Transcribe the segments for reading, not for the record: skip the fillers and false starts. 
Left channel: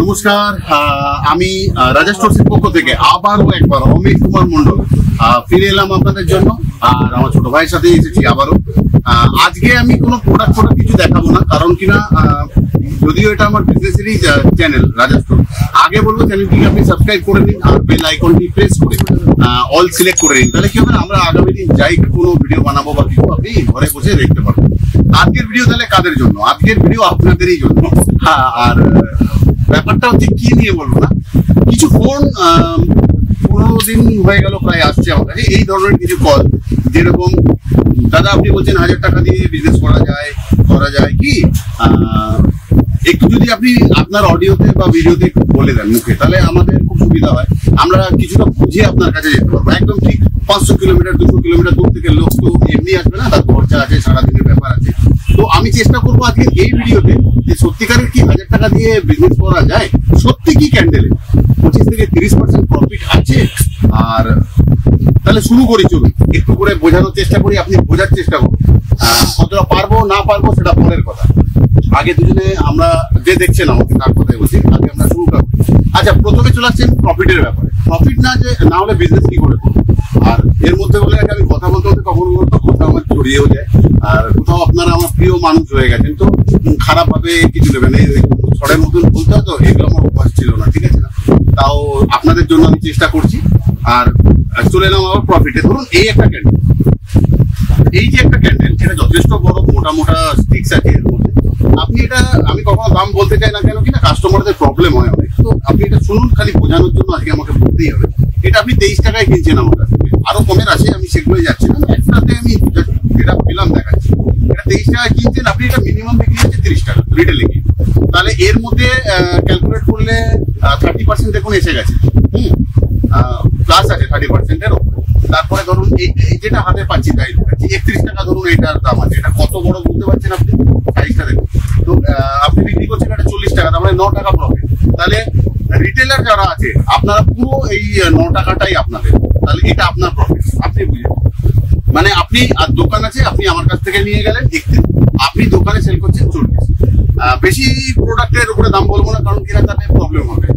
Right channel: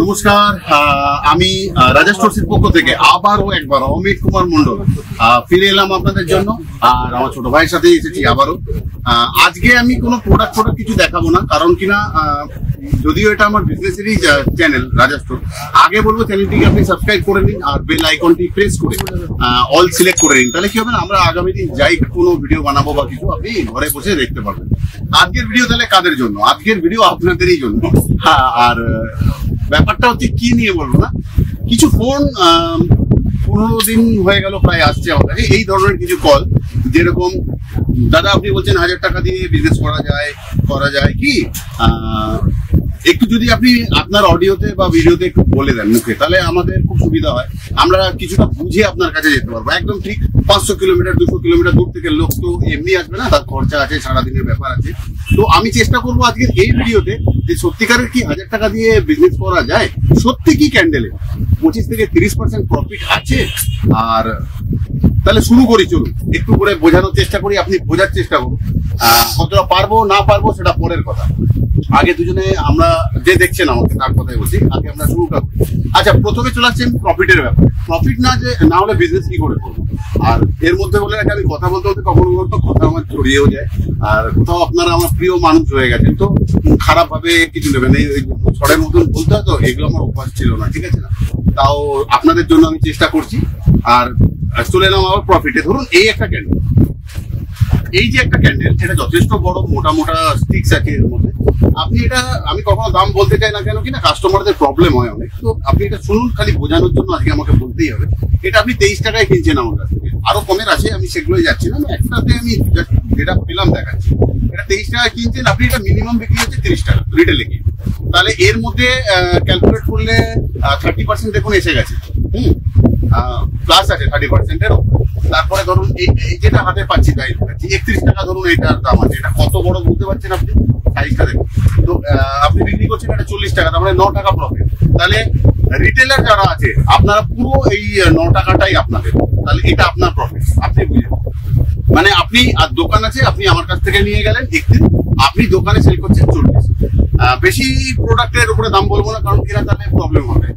নমস্কার, আমি রাজা স্টোরসের পক্ষ থেকে আবারও একবার অমিত কুমার মন্ডল ফিরে এলাম আপনাদের জন্য। আর আমার ছোট ভাইয়ের সাথে এসেছি আবারও। আজকে আমি কোনো প্রোডাক্ট কিছু দেখাবো না, কারণ কিনা যদিও এটা আমার বিজনেসেরই চ্যানেল রাজা স্টোর। আগে বলবো চ্যানেলটিকে আপনি সাবস্ক্রাইব করে নিন আর বেল আইকনটি প্রেস করে অল সিলেক্ট করে নিন, তাহলে কি হবে না, আমরা আগামী দিন যাই কোনো ভিডিও বানাবো বা কিছু আপনি ঘরে বসে দেখতে পারবেন। আজকের ভিডিও তাহলে কাদের জন্য? আজকের ভিডিও আপনাদেরই জন্য। আর ব্যাপারটা হচ্ছে কি নিয়ে বলবো না, কিছু ফোন 15 দিন হয়ে গেল প্রায় আসছে আমার কাছে এই ধরনের কিছু কল, যেরকম দাদা আপনি বলছেন 1000 টাকা দিয়ে বিজনেস করা যায় কি, একটু যদি আপনি আপনার অডিওতে বা ভিডিওতে একটু বলে দেন মুখে, তাহলে আমাদের খুব সুবিধা হয়, আমরা কিছুটা বুঝে আপনার কাছে যেতে পারবো। একদম ঠিক 500 কিলোমিটার 200 কিলোমিটার দূর থেকে লোক তো এমনি আসবে না, তার খরচা আছে, সারাদিনের ব্যাপার আছে। তো আমি চেষ্টা করবো আজকে এই ভিডিওতে যে সত্যিকারের কি 1000 টাকা দিয়ে বিজনেস করা যায়, সত্যি কি ক্যান্ডেলে 25 থেকে 30% প্রফিট আছে। আর তাহলে শুরু করি, চলুন একটু করে বোঝানোর চেষ্টা করি, আপনি বোঝার চেষ্টা করুন। কতটা পারবো না পারবো সেটা পরের কথা, আগে দুজনে আমরা যে দেখছেন আমাকে তার কথাই বলছি, আগে আমরা শুরুটা করি। আচ্ছা, প্রথমে চলে আসছেন প্রফিটের ব্যাপারে। প্রফিট না হলে বিজনেস কি করে করবো? আর এর মধ্যে বলে রাখি, আমি কথা বলতে কখনো কথা আমার ছড়িয়েও যায়, আর কোথাও আপনারা আমার প্রিয় মানুষ হয়ে গেছেন, তো খারাপ ভাবে কিছু নেবেন, এই ছড়ের মতন বলতে হয়, তো এগুলো আমার অভ্যাস ছিল না, ঠিক আছে না? তাও আপনাদের জন্য আমি চেষ্টা করছি। আর চলে এলাম আবার প্রফিটে। ধরুন এই একটা ক্যান্ডেল, এই যে একটা ক্যান্ডেল, এটা যথেষ্ট বড়, মোটা মোটা স্টিক্স আছে এর মধ্যে। আপনি এটা, আমি কখনো দাম বলতে চাই না, কেন কিনা কাস্টমারদের প্রবলেম হয় অনেক, তো আপনি এটা শুনুন, খালি বোঝানোর জন্য আজকে আমাকে বলতেই হবে। এটা আপনি 23 টাকায় কিনছেন আমার কাছ থেকে, আরো কমের আছে, আমি সেগুলোই যাচ্ছি না, একটাতে আমি যেটা পেলাম দেখাচ্ছি। এটা 23 টাকায় কিনছেন আপনি, এটা মিনিমাম বিক্রি হচ্ছে 30 টাকা রিটেলে কিনে, তাহলে এর মধ্যে ক্যালকুলেট করলে 30% দেখুন এসে গেছে। প্লাস আছে 30%-এরও। তারপরে ধরুন এই যেটা হাতে পাচ্ছি তাই 31 টাকা ধরুন এটার দাম আছে। এটা কত বড় বুঝতে পারছেন আপনি, সাইজটা দেখুন। তো আপনি বিক্রি করছেন এটা 40 টাকা, তার মানে 9 টাকা প্রফিট। তাহলে রিটেলার যারা আছে আপনারা পুরো এই 9 টাকাটাই আপনাদের, তাহলে এটা আপনার প্রফিট, আপনি বুঝে। মানে আপনি আর দোকান আছে, আপনি আমার কাছ থেকে নিয়ে গেলেন 31, আপনি দোকানে সেল করছেন 40। বেশি প্রোডাক্টের উপরে দাম বলবো না, কারণ কিনা তাহলে প্রবলেম হবে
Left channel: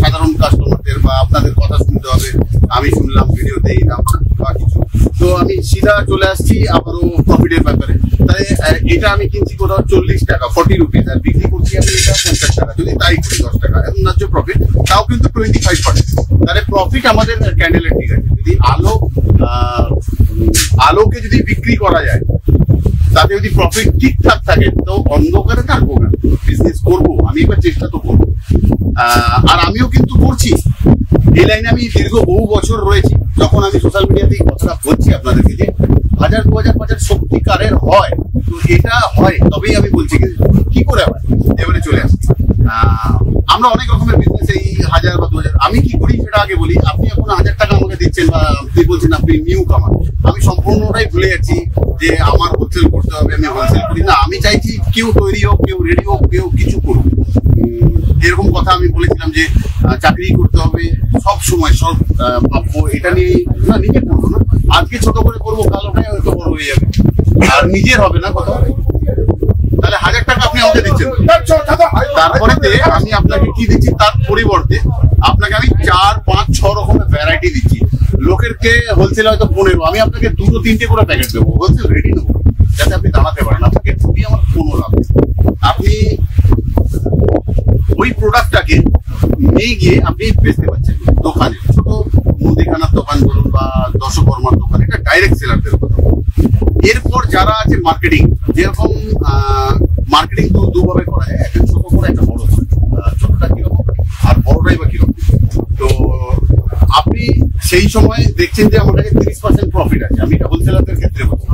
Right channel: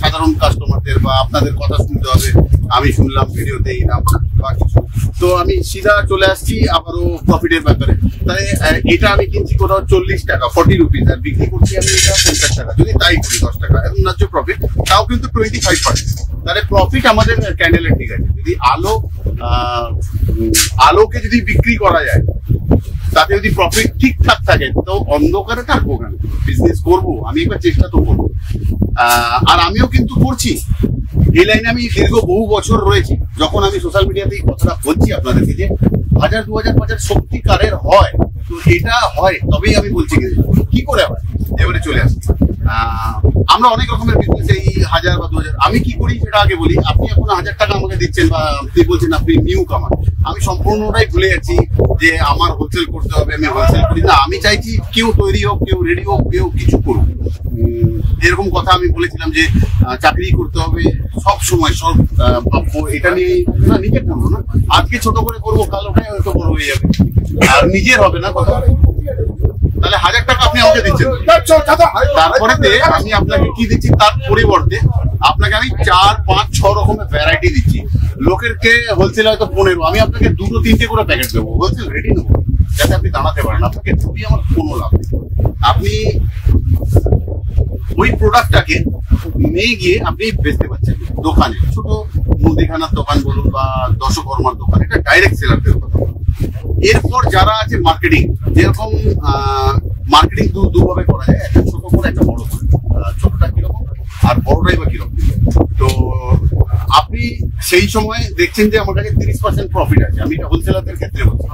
সাধারণ কাস্টমারদের, বা আপনাদের কথা শুনতে হবে, আমি শুনলাম ভিডিওতে এই দাম বা কিছু। তো আমি সিধা চলে আসছি আবারও প্রফিটের ব্যাপারে। তাই এটা আমি কিনছি কোথাও 40 টাকা 40 রুপিস, আর বিক্রি করছি আমি এটা 50 টাকা, যদি তাই করি 10 টাকা এখন ন্যায্য প্রফিট, তাও কিন্তু 25%। তাহলে প্রফিট আমাদের ক্যান্ডেলের ঠিক আছে। যদি আলোকে যদি বিক্রি করা যায়, তাতে যদি প্রফিট ঠিকঠাক থাকে, তো অন্ধকারে থাকবো না, বিজনেস করবো। আমি একবার চেষ্টা তো করবো, আর আমিও কিন্তু করছি এই লাইনে। আমি দীর্ঘ বহু বছর রয়েছি। যখন আমি সোশ্যাল মিডিয়াতে এই কথাটা বলছি আপনাদেরকে যে 1000 2000 5000 সত্যিকারের হয়, তো এটা হয় তবেই আমি বলছি কি করে হয়। এবারে চলে আসি, আমরা অনেক রকমের বিজনেস, এই 1000 বা 2000। আমি কি করি সেটা আগে বলি। আপনি এখন 1000 টাকা আমাকে দিচ্ছেন, বা আপনি বলছেন আপনি নিউ কামার, আমি সম্পূর্ণটাই ভুলে যাচ্ছি যে আমার হোলসেল করতে হবে, আমি হোলসেল করি না। আমি চাইছি কেউ তৈরি হোক, কেউ রেডি হোক, কেউ কিছু করুক। এরকম কথা আমি বলেছিলাম যে চাকরি করতে হবে সব সময়, সব ভাববো এটা নিয়ে না, নিজে করবো না, আজকে ছোট করে করবো, কাল ওটাই হয়তো বড় হয়ে যাবে, আর নিজের হবে না কথা। তাহলে 1000 টাকা আপনি আমাকে দিচ্ছেন, তারপরে আমি আপনাকে কি দিচ্ছি, তার পরিবর্তে আপনাকে আমি 4 5 6 রকমের ভ্যারাইটি দিচ্ছি। লোকেরকে হোলসেল হয়তো 15, আমি আপনাকে 2 3টে করে প্যাকেট দেবো, হোলসেল রেডি নেবো, যাতে আপনি দাঁড়াতে পারেন। আপনাকে খুবই আমার কোনো লাভ নেই। আপনি ওই প্রোডাক্টটাকে নিয়ে গিয়ে আপনি বেচতে পারছেন দোকানে, ছোট মুদিখানার দোকান বলুন বা দশকর্মার দোকান, এটা ডাইরেক্ট সেলারদের কথা। এরপর যারা আছে মার্কেটিং, যেরকম মার্কেটিং তো দুভাবে করা যায়, একটা ছোট করে একটা বড় করে। ছোটটা কিরকম আর বড়টাই বা কিরকম, তো আপনি সেই সময় দেখছেন যে আমার কাছে 30% প্রফিট আছে। আমি এটা হোলসেলারদের ক্ষেত্রে বলছি,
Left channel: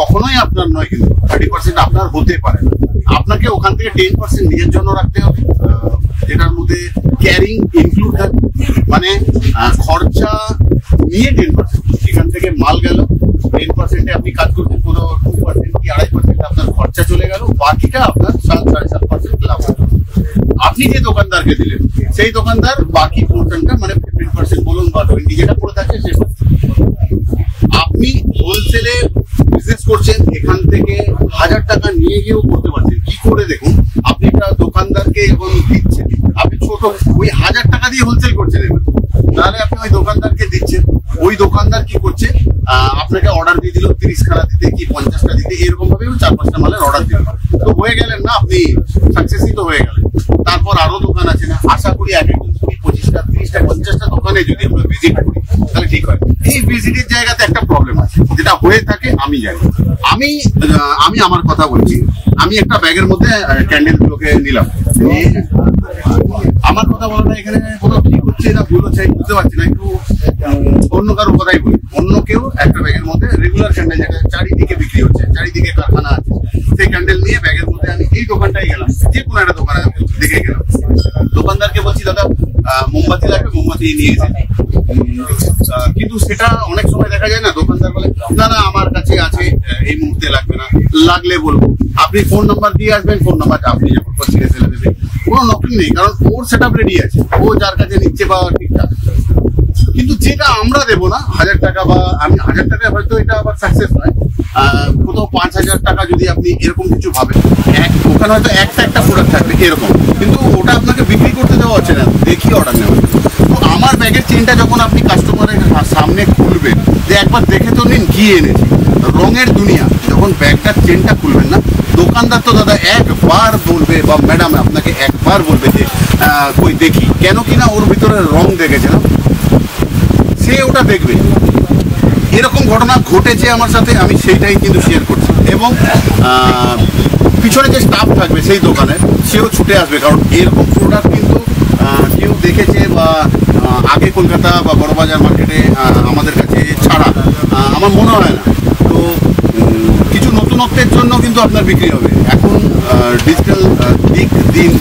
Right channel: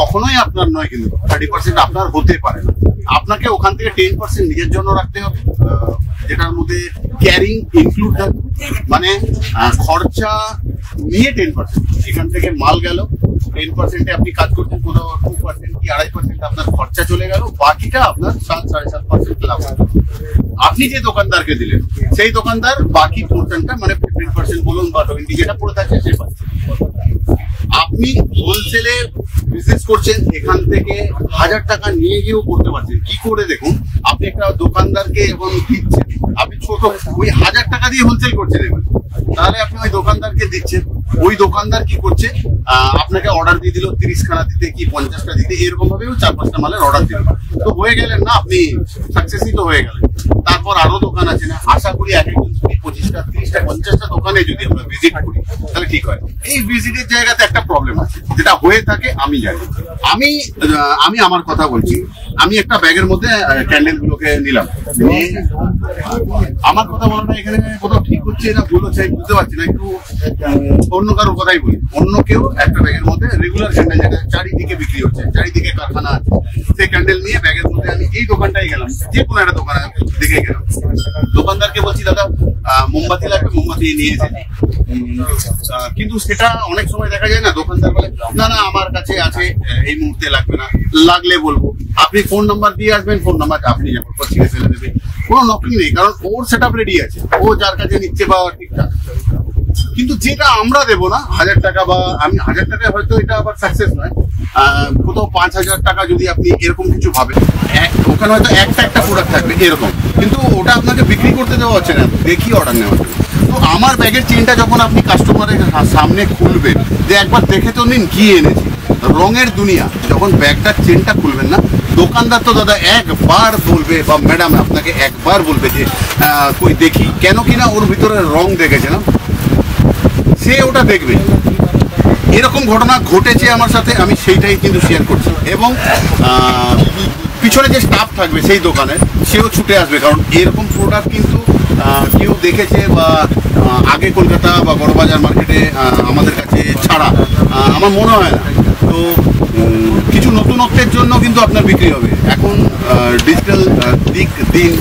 কখনোই আপনার নয়, কিন্তু 30% আপনার হতে পারে না। আপনাকে ওখান থেকে 10% নিজের জন্য রাখতে হবে, যেটার মধ্যে ক্যারিং ইনক্লুড থাকবে, মানে খরচা নিয়ে 10%। এখান থেকে মাল গেল, 10%-এ আপনি কাজ করছেন, কোনো 2% কি 2.5% আপনার খরচা চলে গেল, বাকিটা আপনার 7-7.5% লাভ। আপনি যে দোকানদারকে দিলেন, সেই দোকানদার বাকি পোর্শনটা, মানে 15% বলুন বা 20 যেটা পড়ে থাকে, সে আপনি হোলসেলে বিজনেস করছেন, এখান থেকে 1000 টাকা নিয়ে গিয়েও করতে পারছেন। কি করে দেখুন, আপনি আপনি একটা দোকানদারকে যখন দিচ্ছেন, আপনি ছোট ওই 1000 টাকা দিয়ে হোলসেল করছেন এবার, তাহলে আপনি ওই দোকানদারকে দিচ্ছেন, ওই দোকানদার কি করছে আপনাকে অর্ডার দিয়ে দিল 30 খানা দিতে কি 50টা দিতে, এরকম ভাবে 4-5টা মালের অর্ডার দিল, তো হয়ে গেলেন না, আপনি সাকসেসই তো হয়ে গেলেন। তারপর আরো দোকান আছে না, আশা করি এক একজন 25টা 30টা 50টা দোকানে যদি আমরা ভিজিট করি তাহলে ঠিক হয়। এই ভিজিটের জায়গাতে একটা প্রবলেম আছে, যেটা হয়ে থাকে আমি জানি। আমি আমার কথা বলছি, আমি একটা ব্যাগের মধ্যে ক্যান্ডেল গুলোকে নিলাম, আমার কথা বলাটা এখানে কোথাও ঠিক হচ্ছে না ভুল হচ্ছে বুঝতে পারছি না, একটু অন্য কারোর কথাই বলি। অন্য কেউ একটা ব্যাগের মধ্যে রেগুলার ক্যান্ডেল, যেটা চারিদিকে বিক্রি হচ্ছে, চারিদিকে কারখানা আছে, সেই ক্যান্ডেল নিয়ে ব্যাগের মধ্যে আমি এই দোকানটাই গেলাম, যে কোনো একটা দোকানে দেখে গেলাম, দোকানদারকে বলছি দাদা মোমবাতি লাগবে, মোমবাতি নিয়েছে, কিন্তু সেটা অনেক সময় দেখা যায় না, দোকানদার বলে না না আমার কাছে আছে, এই মুহূর্তে লাগবে না, লাগলে বলবো। আপনি ফোন নাম্বার দিয়ে আসবেন, ফোন নাম্বার আপনি যখন ছিঁড়ে ফেলে দেবে, কোনো নকল নেই, কারণ ওর সেট আপ রেডি আছে, ও যার কাছে নিচ্ছে বা ঠিকঠাক। কিন্তু যেটা আমরা দেবো না 1000 টাকা, বা আমি 1000 টাকায় হয়তো এটা আবার সাকসেস নয়, কোথাও 5000 টাকা যদি আপনি এরকম কিছু ভাবেন, ওখানে হয়তো একটা প্রোডাক্ট থাকবে এরকম, কিন্তু ওটা আপনাকে বিক্রি করতে দেওয়া হচ্ছে না, দেখি অর্ডার নেওয়া। তো আমার ব্যাগের চেনটা যখন আপনি কাস্টমারের সামনে খুলবেন, যে একবার দেখে তো নিন কি এনেছি, রঙের দুনিয়া, যখন ব্যাগটার চেনটা খুলবেন না, দোকানদার তো দাদা একবার বলবে, বা ম্যাডাম আপনাকে একবার বলবে যে কই দেখি, কেন কিনা ওর ভিতরে রং দেখেছে না, সে ওটা দেখবে। এরকম ঘটনা ঘটেছে আমার সাথে, আমি সেইটাই কিন্তু শেয়ার করছি। এবং পিছনে যে স্টাফ থাকবে সেই দোকানে, সেও ছুটে আসবে, কারণ এরকম প্রোডাক্ট কিন্তু কেউ দেখেছে বা আগে কলকাতা বা বড়বাজার মার্কেটে আমাদের কাছে ছাড়া আমার মনে হয় না। তো কিছু নতুনত্বের জন্য কিন্তু আপনার বিক্রি হবে। এখন ডিজিটাল দিন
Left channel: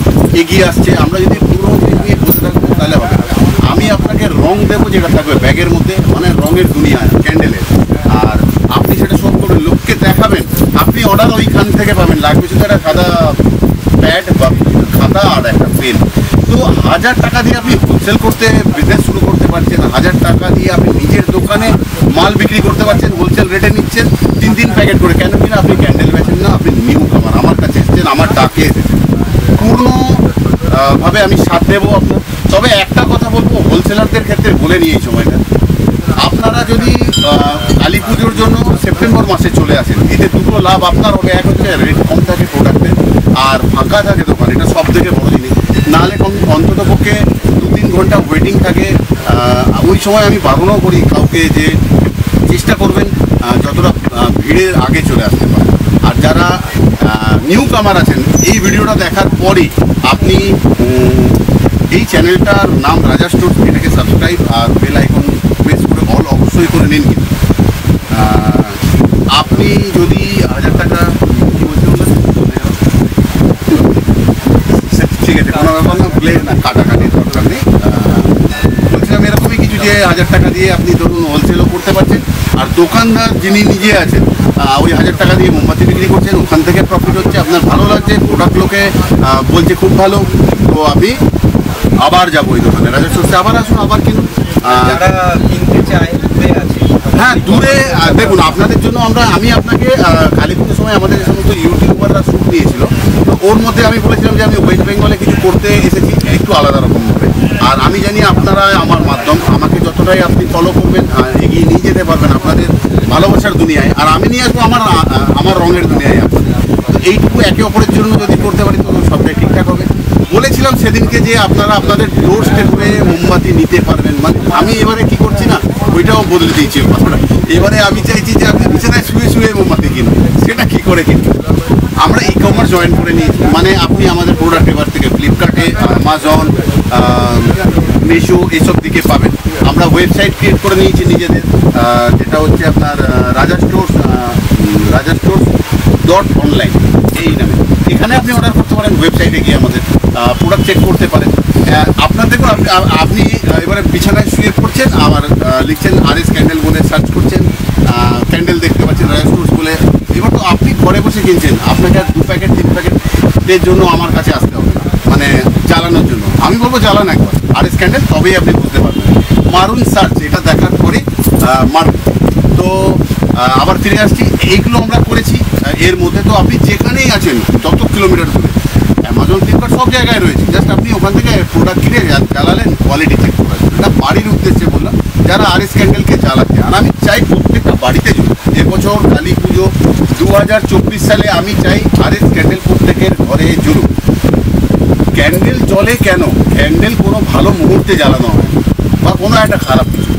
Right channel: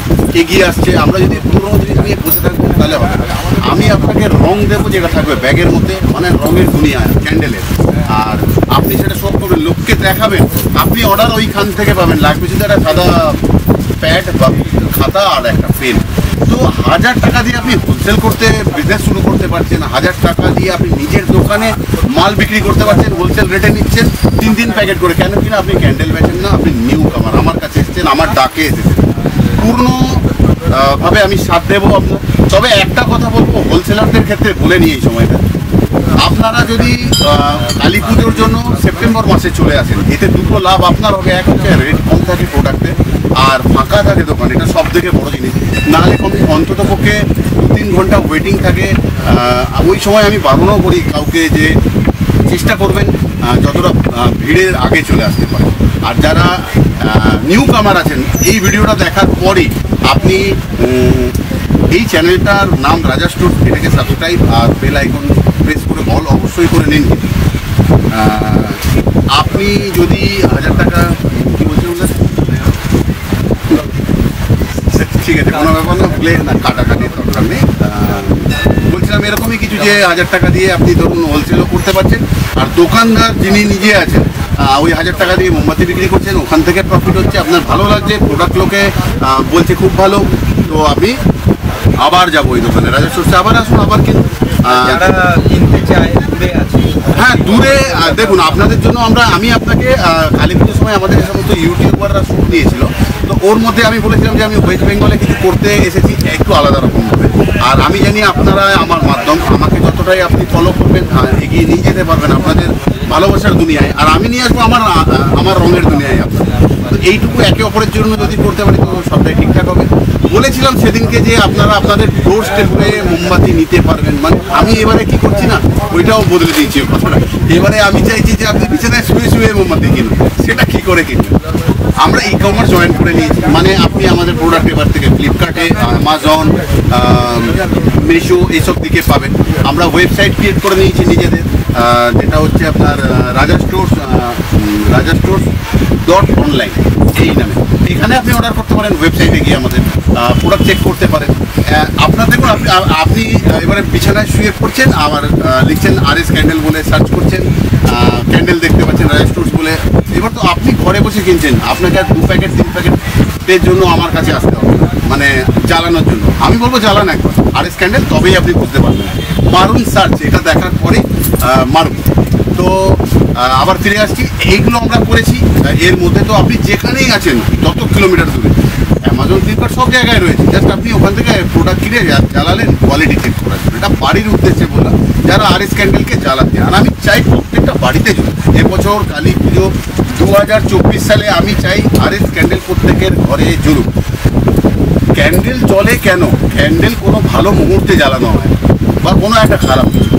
এগিয়ে আসছে, আমরা যদি পুরোনো জিনিস নিয়ে বসে থাকবো তাহলে হবে না। আমি আপনাকে রং দেবো যেটা থাকবে ব্যাগের মধ্যে, মানে রঙের দুনিয়া ক্যান্ডেলের, আর আপনি সেটা শো করবেন, লোককে দেখাবেন, আপনি অর্ডার ওইখান থেকে পাবেন। লাগবে শুধু একটা সাদা প্যাড বা খাতা আর একটা পেন। তো 1000 টাকা দিয়ে আপনি হোলসেল করতে বিজনেস শুরু করতে পারছেন, 1000 টাকা দিয়ে আপনি নিজের দোকানে মাল বিক্রি করতে পারছেন, হোলসেল রেটে নিচ্ছেন 3 প্যাকেট করে। কেন কিনা আপনি ক্যান্ডেল বেচেন না, আপনি নিউ কামার, আমার কাছে এসেছেন, আমার ডাকে এসেছেন, পূর্ণ ভাবে আমি সাথ দেবো আপনার। তবে একটা কথা বলবো, হোলসেলারদের ক্ষেত্রে বলে নিই এই সময়টা, আপনারা যদি কালী পুজোর জন্য সেপ্টেম্বর মাসে চলে আসেন, এতে দুটো লাভ আপনার হবে। এক হচ্ছে রেট কম থাকে প্রোডাক্টের, আর ফাঁকা থাকে দোকান, এটা সব থেকে বড় জিনিস। নাহলে অন্তত পক্ষে 2-3 ঘন্টা ওয়েটিং থাকে। ওই সময় আমি বারণও করি কাউকে যে চেষ্টা করবেন যতটা ভিড়ের আগে চলে আসতে পারে। আর যারা নিউ কামার আছেন, এই ভিডিওটা দেখার পরই আপনি এই চ্যানেলটার নাম রাজা স্টোর্স, এটাকে সাবস্ক্রাইব আর বেল আইকন প্রেস করে অল অবশ্যই করে নিন। কিন্তু আপনি যদি 1000 টাকা কি বলছেন বলেন, ঠিক আছে কোনো ব্যাপার না, ভুলে না, কাটাকাটির দরকার নেই। বলছিলাম এরকমই কিছু, যে 1000 টাকা দিয়ে আপনি ধরুন হোলসেলও করতে পারছেন, আর দোকানদার যিনি নিজে আছেন ওই 1000 টাকা দিয়ে মোমবাতি বিক্রি করছেন, ওখান থেকে প্রফিট হচ্ছে, আপনার ভালো লাগছে, প্রোডাক্ট লোকে বলছে খুব ভালো, তো আপনি আবার যাবো ওই দোকানে, রাজা স্টোর্সে আবার আসুন, আবার কিনুন। যারা কিনতে চায় দূরে আছে, হ্যাঁ দূরে, দেখুন আপনাদের জন্য আমি আপনাকে কালী পুজোর সময় আমাদের যে সমস্ত ইউটিউবাররা শ্যুট নিয়েছিল, তো ওর মধ্যে আমি বলেছিলাম যে আমি ওয়েস্ট বেঙ্গলে কিছু করতে এসেছি, একটু আলাদা রকম হবে। আর আমি জানি আপনারা আমার মাধ্যম, আমাকে যতটাই আপনি ফলো করবেন এগিয়ে নিয়ে যেতে পারবেন আপনাদের ভালোবাসার দুনিয়ায়, আর আমি নিয়ে আসবো আমার রঙের দুনিয়ায় আপনার। তো এইটুকু একে অপরের জন্য যদি করতে পারি তো সবটাই ঠিকঠাক হবে। বলেছিলাম সেদিনকে যে আপনারা আপনাদের ডোর স্টেপে মোমবাতি নিতে পারবেন, মানে আমি এবারে কি করছি না, ওইটাও বদলে দিয়েছি কথাটা। এবারে আমি চাইছি যে আপনি বিছানায় শুয়ে শুয়ে মোমবাতি কিনুন। সেটা কি করে কিনবেন? আমরা ই কমার্স জয়েন করে নিয়েছি, মানে আপনি আমাদের প্রোডাক্ট এবার থেকে ফ্লিপকার্টে, অ্যামাজন, মিশো এইসব দিকে পাবেন। আমরা ওয়েবসাইট ক্রিয়েট করে নিয়েছি নিজেদের, যেটা হচ্ছে আপনার রাজা স্টোর্স .online এই নামে। এখানে আপনি অর্ডার করতে পারেন, ওয়েবসাইটে গিয়ে আমাদের প্রোডাক্ট চেক করতে পারেন। আপনার দেখুন, আপনি এবারে বিছানায় শুয়ে পড়ছেন, আবার লিখছেন RS ক্যান্ডেল বলে সার্চ করছেন, ক্যান্ডেল দেখতে পাচ্ছেন রাজা স্টোর্স বলে। এবার তো আপনি ঘরে বসে কিনছেন, আপনাকে আর 2 প্যাকেট 3 প্যাকেটের জন্য আমার কাছে আসতে হবে, মানে জ্বালানোর জন্য। আমি বলবো জ্বালান একবার RS ক্যান্ডেল, তবেই আপনি বুঝতে পারবেন। মারুন সার্চ, এটা দেখার পরে মারুন। তো আবার ফিরে আসছি, এইগুলো আমরা করেছি। এর মধ্যে তো আপনি যেখানেই আছেন, যত কিলোমিটার দূরে, অ্যামাজন, ফ্লিপকার্ট সব জায়গায় রয়েছে। জাস্ট আপনি ওখান থেকে প্রোডাক্ট কিনে জ্বালালেন, কোয়ালিটি চেক করার জন্য। এটা বাড়ির উদ্দেশ্যে বললাম, যারা আরএস ক্যান্ডেলকে জ্বালাতে। আর আমি চাই প্রত্যেকটা বাড়িতে জ্বলুক। এবছর কালী পুজো 2024 সালে আমি চাই আরএস ক্যান্ডেল প্রত্যেকের ঘরে জ্বলুক। ক্যান্ডেল জ্বলে কেন? ক্যান্ডেল কোনো ভালো মুহূর্তে জ্বালানো হয় বা কোনো একটা খারাপ কিছু।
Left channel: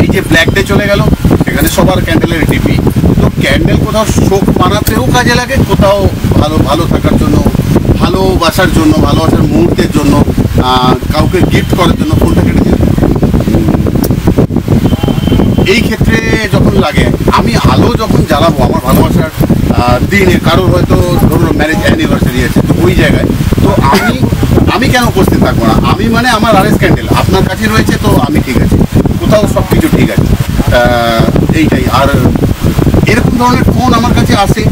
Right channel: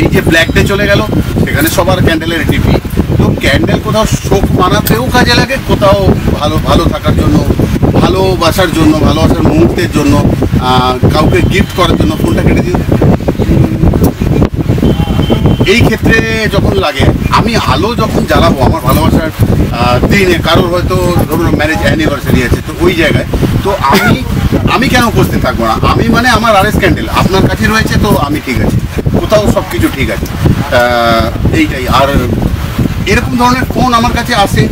এই যে ব্ল্যাক ডে চলে গেল, সেখানে সবার ক্যান্ডেলের টিপি। তো ক্যান্ডেল কোথাও শোক মানাতেও কাজে লাগে, কোথাও ভালো থাকার জন্য, ভালোবাসার জন্য, ভালোবাসার মুহূর্তের জন্য, কাউকে গিফট করার জন্য। ফোনটা কেটে দিন। এই ক্ষেত্রে যখন লাগে, আমি আলো যখন জ্বালাবো আমার ভালোবাসার দিনে, কারোর হয়তো ধরুন ম্যারেজ অ্যানিভার্সারি আছে, তো ওই জায়গায় তো আমি কেন উপস্থিত থাকবো না? আমি মানে আমার আরএস ক্যান্ডেল আপনার কাছে রয়েছে, তো আমি ঠিক আছে, কোথাও সব কিছু ঠিক আছে। এইটাই। আর এরকম ধরনের ফোন আমার কাছে আসে।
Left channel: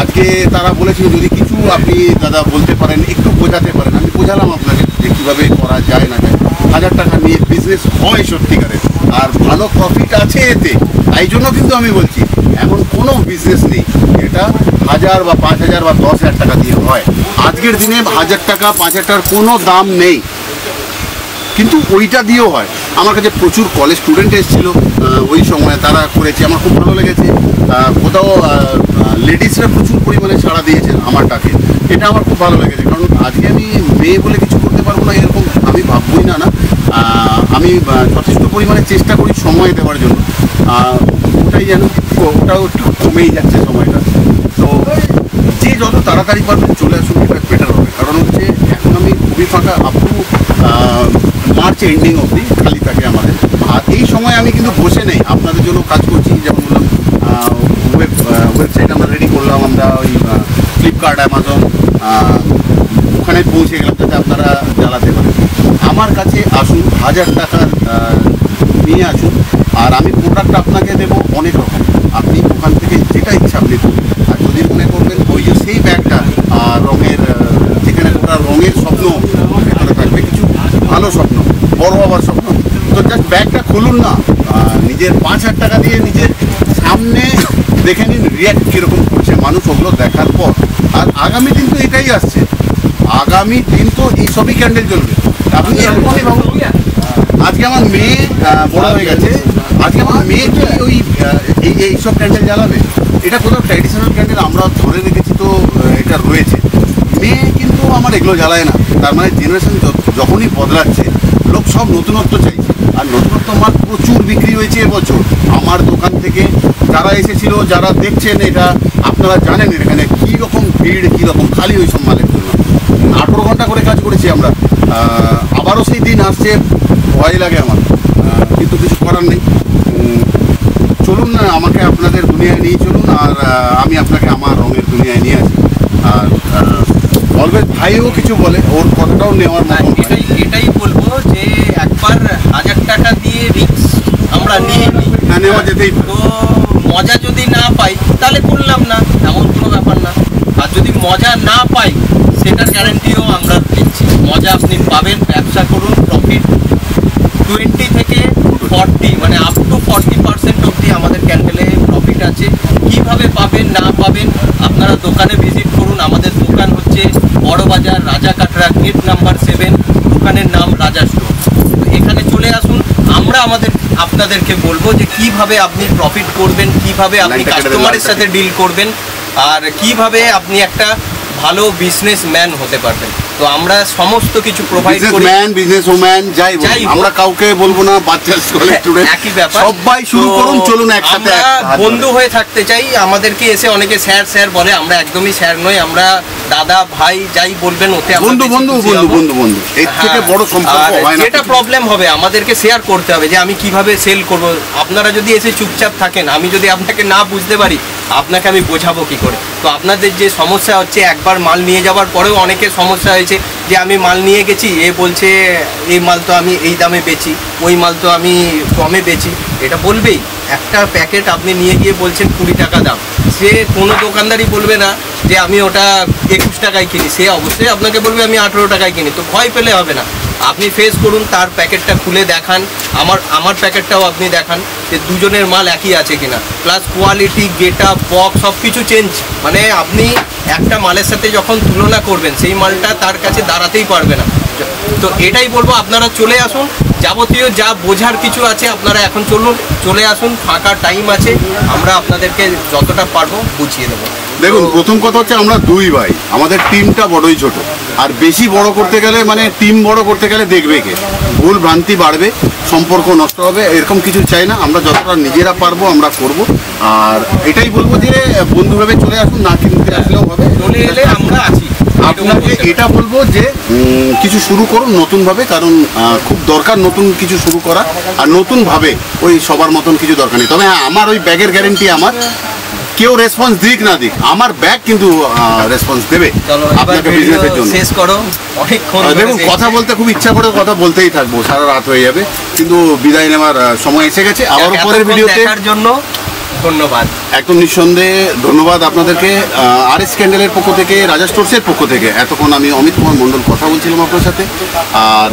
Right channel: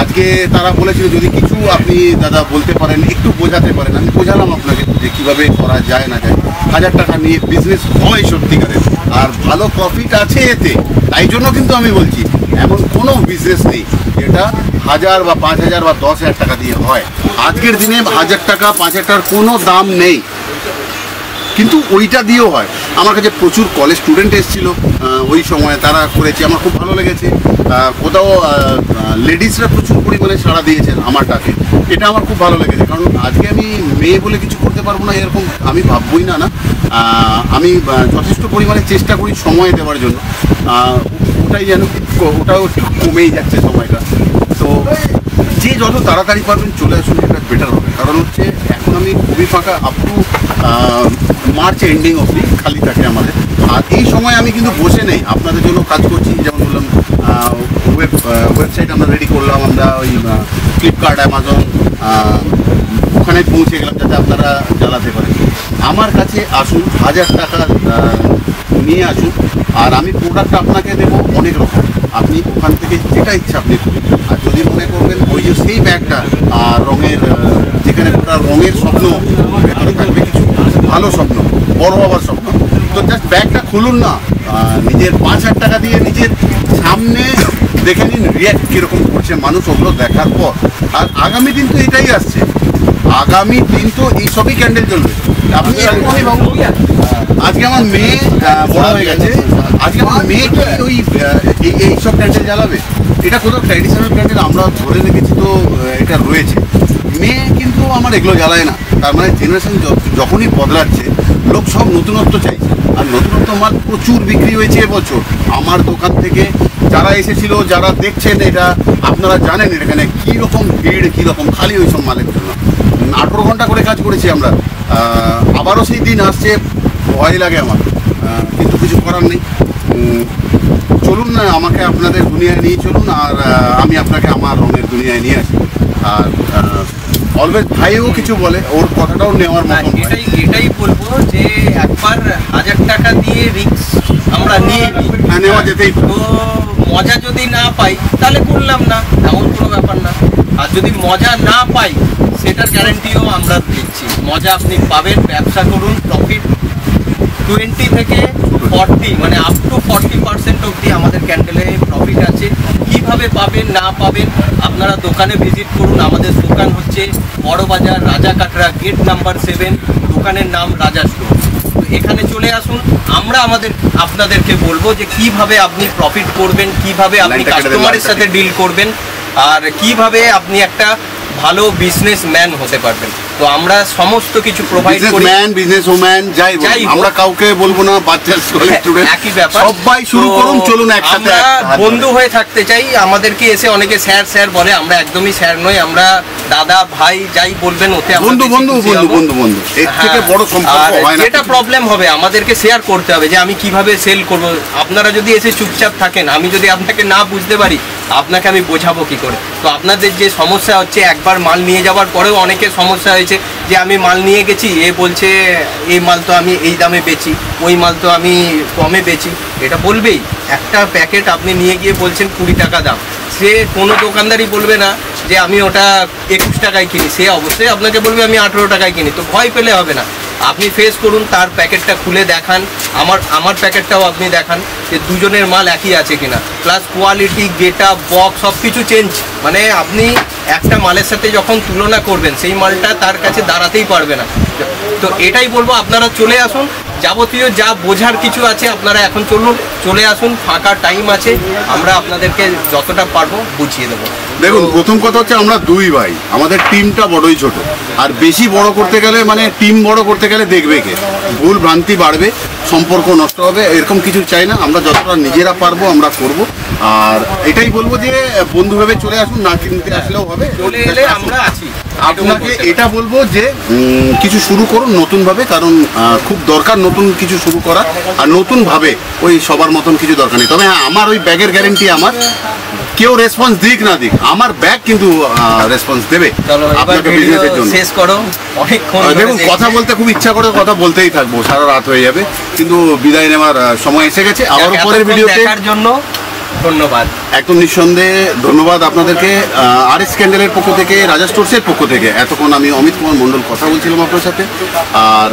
আজকে তারা বলেছিল যদি কিছু আপনি দাদা বলতে পারেন, একটু বোঝাতে পারেন। আমি বোঝালাম আপনাকে যে কীভাবে করা যায় না যায়। 1000 টাকা নিয়ে বিজনেস হয় সত্যিকারের, আর ভালো প্রফিট আছে এতে। তাই জন্য কিন্তু আমি বলছি, এমন কোনো বিজনেস নেই এটা 1000 বা 5000 বা 10,000 টাকা দিয়ে হয়। আজকের দিনে 1000 টাকা 5000 টাকার কোনো দাম নেই, কিন্তু ওইটা দিয়েও হয়। আমার কাছে প্রচুর কলেজ স্টুডেন্ট এসেছিলো ওই সময়, তারা করেছে, আমার খুব ভালো লেগেছে। কোথাও লেডিসরা প্রচুর পরিমাণে সাড়া দিয়েছেন আমার ডাকে, এটা আমার খুব ভালো লেগেছে। কারণ আজকে আমি মেয়ে বলে কিছু করতে পারবো না এরকম আমি ভাববই না। আমি যথেষ্ট পরিমাণে চেষ্টা করি সময় দেওয়ার জন্য। ওটাই যেন ওটাও একটু কমেই যাচ্ছে সময়টা। তো যে যত তাড়াতাড়ি পারবেন চলে আসুন, এটা বেটার হবে। কারণ হচ্ছে এখন আমি খুবই ফাঁকা, আপ টু মার্চ এন্ডিং অবধি খালি থাকে আমাদের। আর এই সময় আমি কিন্তু বসে নেই, আপনাদের জন্য কাজ করছি। যেমন বললাম, ওয়েবসাইট আমরা রেডি করলাম, আমরা ওই ফ্লিপকার্ট, অ্যামাজন ওখানে পৌঁছে গেলাম যাতে আপনারা জ্বালাতে পারেন। আমার কাছে আসুন, 1000 টাকা নিয়ে আসুন, আর আমি প্রোডাক্ট আপনাকে দেবো অনেক রকম। আপনি ওখান থেকে যেটা ইচ্ছা আপনি করুন। আর যদি মনে করবেন ওই যে সেই ব্যাগটা রঙের, যেখানে ওটা রঙের স্বপ্ন ভেতরে থাকবে, কিছু ভালো স্বপ্ন, বড় হওয়ার স্বপ্ন, তো জাস্ট ব্যাগটা খুলুন না, নিজের 5000 টাকা দিয়ে নিজের সামনে দেখে নিন রিয়াক্ট কীরকম করছে মানুষ, ওগুলো দেখার পর। আর আগামী দিন তো এটাই আসছে, আগামী দিন তো এইসবই ক্যান্ডেল জ্বলবে। আপনি এরকমই ভাবুন, আজকে আমার মেয়ে বড় হয়ে গেছে, আজকে আমার মেয়ে কি ওই এইসব ক্যান্ডেল জ্বালাবে? এটা কোথাও ট্র্যাডিশনাল ক্যান্ডেল আমরা ধরে রেখেছি, তো এটা রয়েছে। মেয়ে কিন্তু আমার এগুলো জ্বালায় না। তার মানে জেনারেশন যখনই বদলাচ্ছে, লোক সব নতুনত্ব চাইছে। আর নতুনত্ব মাল প্রচুর বিক্রি হয়েছে এবছর। আমার দোকান থেকে যারা এসেছিল, যারা দেখছেন, এটা আপনারা জানেন এখানে কীরকম ভিড়, কীরকম খালি ওই সব মালের জন্য। 18 ঘন্টা করে কাজ করেছি আমরা। আবারও সেই দিন আসছে, ভয় লাগে আমার, কিন্তু কিছু করার নেই। চলুন না, আমাকে আপনাদের দুনিয়ায় নিয়ে চলুন, আর আমি আপনাকে আমার রঙের দুনিয়ায় নিয়ে আসি। আর অলওয়েজ ভাইও কিছু বলে, ওর কথাটাও নেওয়ার মতন। এটাই বলবো যে একবার 1000 টাকা দিয়ে রিস্ক আমরা নিয়ে নিই, নেওয়া যেতেই। তো মজা যদি না পাই তাহলে করলাম না, এমন কোনো ব্যাপার না। আর যদি মজা না পাই, সেটার গ্যারান্টিও আমরা দিচ্ছি। মজা আপনি পাবেন, ব্যবসা করুন, প্রফিট 20 থেকে 40 মানে আপ টু 40% অবধি আমাদের ক্যান্ডেলে প্রফিট আছে। কিভাবে পাবেন না পাবেন, আপনারা দোকানে ভিজিট করুন। আমাদের দোকান হচ্ছে বড়বাজার, রাজা কাটরা, গেট নাম্বার 7, দোকানের নাম রাজা স্টোর। এখানে চলে আসুন, আমরা আপনাদেরকে বলবো যে কিভাবে আপনি প্রফিট করবেন, কিভাবে আপনি কাস্টমারের সাথে ডিল করবেন, আর কিভাবে আপনি একটা ভালো বিজনেসম্যান হতে পারবেন। তো আমরা সমস্ত কিছু প্রোভাইড করি। বিজনেস ওম্যান যাই আমরা কাউকে বলবো না, বাচ্চা স্টুডেন্ট একই ব্যাপার। সবাই শুরু করুন, চলুন একসাথে। আমরা বন্ধু হয়ে থাকতে চাই। আমাদেরকে এসে অনেকে স্যার স্যার বলে, আমরা একদমই স্যার নই, আমরা দাদা ভাই যাই বলবেন ওতে বন্ধু বন্ধু বন্ধু বন্ধু বন্ধু এর থেকে বড় সম্পর্ক হয় না। যেটা প্রবলেম হবে আমাদেরকে শেয়ার করতে হবে যে আমি কিভাবে সেল করব। আপনারা যদি এসে চুপচাপ থাকেন, আমি যদি আপনাকে না বুঝতে পারি, আপনাকে আমি বোঝাবো কি করে? তো আপনাদের যে সমস্যা হচ্ছে, একবার মাল নিয়ে যাওয়ার পরেও অনেকের সমস্যা হয়েছে যে আমি মাল নিয়ে গেছি, এ বলছে এই মাল তো আমি এই দামে বেচি, ওই মাল তো আমি কমে বেচি। এটা বলবেই। একটা প্যাকেট আপনি নিয়ে গিয়ে বলছেন 20 টাকা দাম, সে কোনো দোকানদারই বলবে না যে আমি ওটা 21 টাকায় কিনি, সে অবশ্যই আপনাকে বলবে আমি 18 টাকায় কিনি। তো ভয় পেলে হবে না, আপনি ফেস করুন, তার প্যাকেটটা খুলে দেখান, আমার প্যাকেটটাও আপনি দেখান যে দুজনের মাল একই আছে কিনা, প্লাস কোয়ালিটি, গেটআপ, বক্স সব কিছু চেঞ্জ, মানে মানে আপনি একটা মালের সাথে যখন তুলনা করবেন সেই মালটা তার কাছে দাঁড়াতেই পারবে না। তো এটাই বলবো, আপনারা চলে আসুন, যাবতীয় যা বোঝার কিছু আছে আপনারা এখন চলে আসুন, ফাঁকা টাইম আছে, আমরা আপনাদেরকে যতটা পারবো বুঝিয়ে দেবো। দেখুন, প্রথম কথা হচ্ছে আমরা দুই ভাই, আমাদের টিমটা বড়ই ছোট, আর বেশি বড় করতে গেলে মানে টিম বড় করতে গেলে দেখবে কে, ভুল ভ্রান্তি বাড়বে, সম্পর্ক নষ্ট হবে, এরকম কিছু চাই না। আমরা যতটা নিজেরা পারবো আমরা করব। আর এটাই বলবো যে বন্ধুভাবে চলে আসুন, না কিনতে আসলেও হবে, চলে এলে আমরা আছি। আপনাকে এটা বলবো যে কিছু শুরু করুন নতুনভাবে, কারণ খুব দরকার নতুন কিছু শুরু করা, আর নতুনভাবে ওই সবার মতন কিছু দরকার নেই। তবে হ্যাঁ, আমার ওই ব্যাগের গ্যারেন্টি আমার, কেউ রেসপন্স দিক না দিক, আমার ব্যাগ কিন্তু রেসপন্স দেবে আপনাকে বিজনেসের জন্য। শেষ করো, অনেকক্ষণ দেখুন কথা বলতে খুব ইচ্ছা করে, কথা বলতেই থাকবো, সারা রাত হয়ে যাবে, কিন্তু বিদায় নেওয়ার সময় এসে গেছে। আবার পরের ভিডিওতে দেখার জন্য ধন্যবাদ, একদম নিঃসন্দেহে ধন্যবাদ আপনাদেরকে। RS ক্যান্ডেলের পক্ষ থেকে, রাজা স্টোর্সের পক্ষ থেকে এতক্ষণ আমি অমিত কুমার মণ্ডল কথা বলছিলাম আপনার সাথে। আর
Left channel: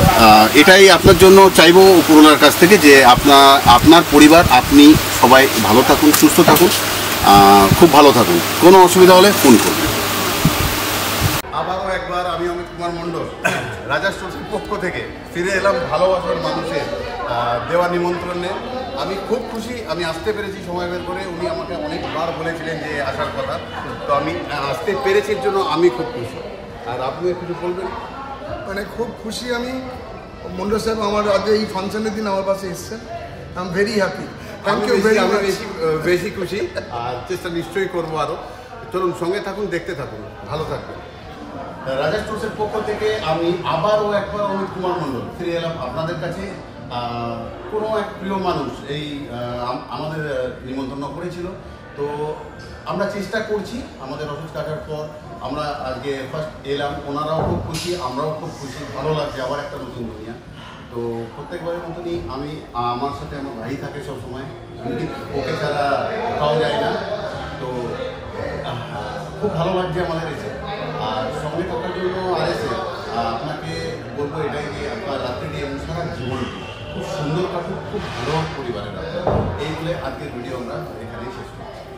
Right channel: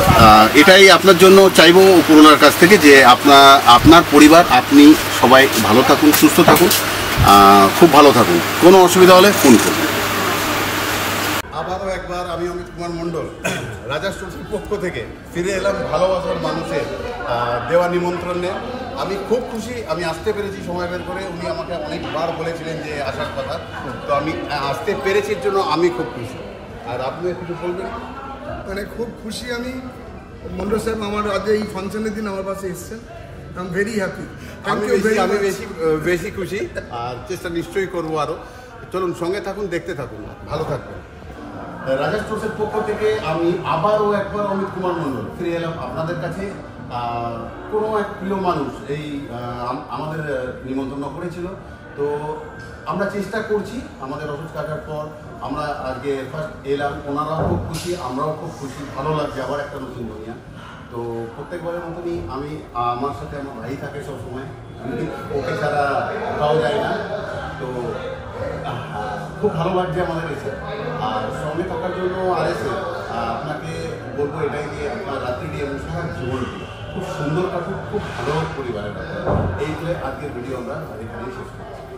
এটাই আপনার জন্য চাইবো উপরওয়ালার কাছ থেকে যে আপনার পরিবার, আপনি সবাই ভালো থাকুন, সুস্থ থাকুন, খুব ভালো থাকুন। কোনো অসুবিধা হলে ফোন করুন। আবারও একবার আমি অমিত কুমার মণ্ডল রাজা স্টোর্সের পক্ষ থেকে ফিরে এলাম ভালোবাসার মানুষের দেওয়া নিমন্ত্রণে। আমি খুব খুশি, আমি আসতে পেরেছি সময় বের করে। উনি আমাকে অনেকবার বলেছিলেন যে আসার কথা, তো আমি আসতে পেরেছি, এর জন্য আমি খুব খুশি। আর আপনি কিছু বলবেন? মানে খুব খুশি আমি, মন্ডল সাহেব আমার আজ এই ফাংশনের দিন আমার পাশে এসেছেন, আই এম ভেরি হ্যাপি। আমি বেশি খুশি, আর চেষ্টা নিশ্চয়ই করবো আরো। চলুন সঙ্গে থাকুন, দেখতে থাকুন, ভালো থাকবেন। রাজা স্টোর্সের পক্ষ থেকে আমি আবারও একবার অমিত কুমার মণ্ডল ফিরে এলাম আপনাদের কাছে। কোনো এক প্রিয় মানুষ এই আমাদের নিমন্ত্রণ করেছিল, তো আমরা চেষ্টা করছি। আমাদের অফিস কাটার পর আমরা আজকে ফার্স্ট এলাম, ওনারাও খুব খুশি, আমরাও খুব খুশি, ভালো লাগছে, আবার একটা নতুন দুনিয়া। তো প্রত্যেকবারের মতনই আমি, আমার সাথে আমার ভাই থাকে সবসময়, ওকে ছাড়া কোথাও যায় না। তো খুব ভালো লাগছে আমাদের এসে, আর সঙ্গে থাকার জন্য RS আপনাকে বলবো এটাই যে আপনার রাত্রি দিয়ে সারা জীবনটি খুব সুন্দর কাটুক, খুব ভালো পরিবারের আপনার। এই বলে আজকের ভিডিও আমরা এখানেই শেষ করছি।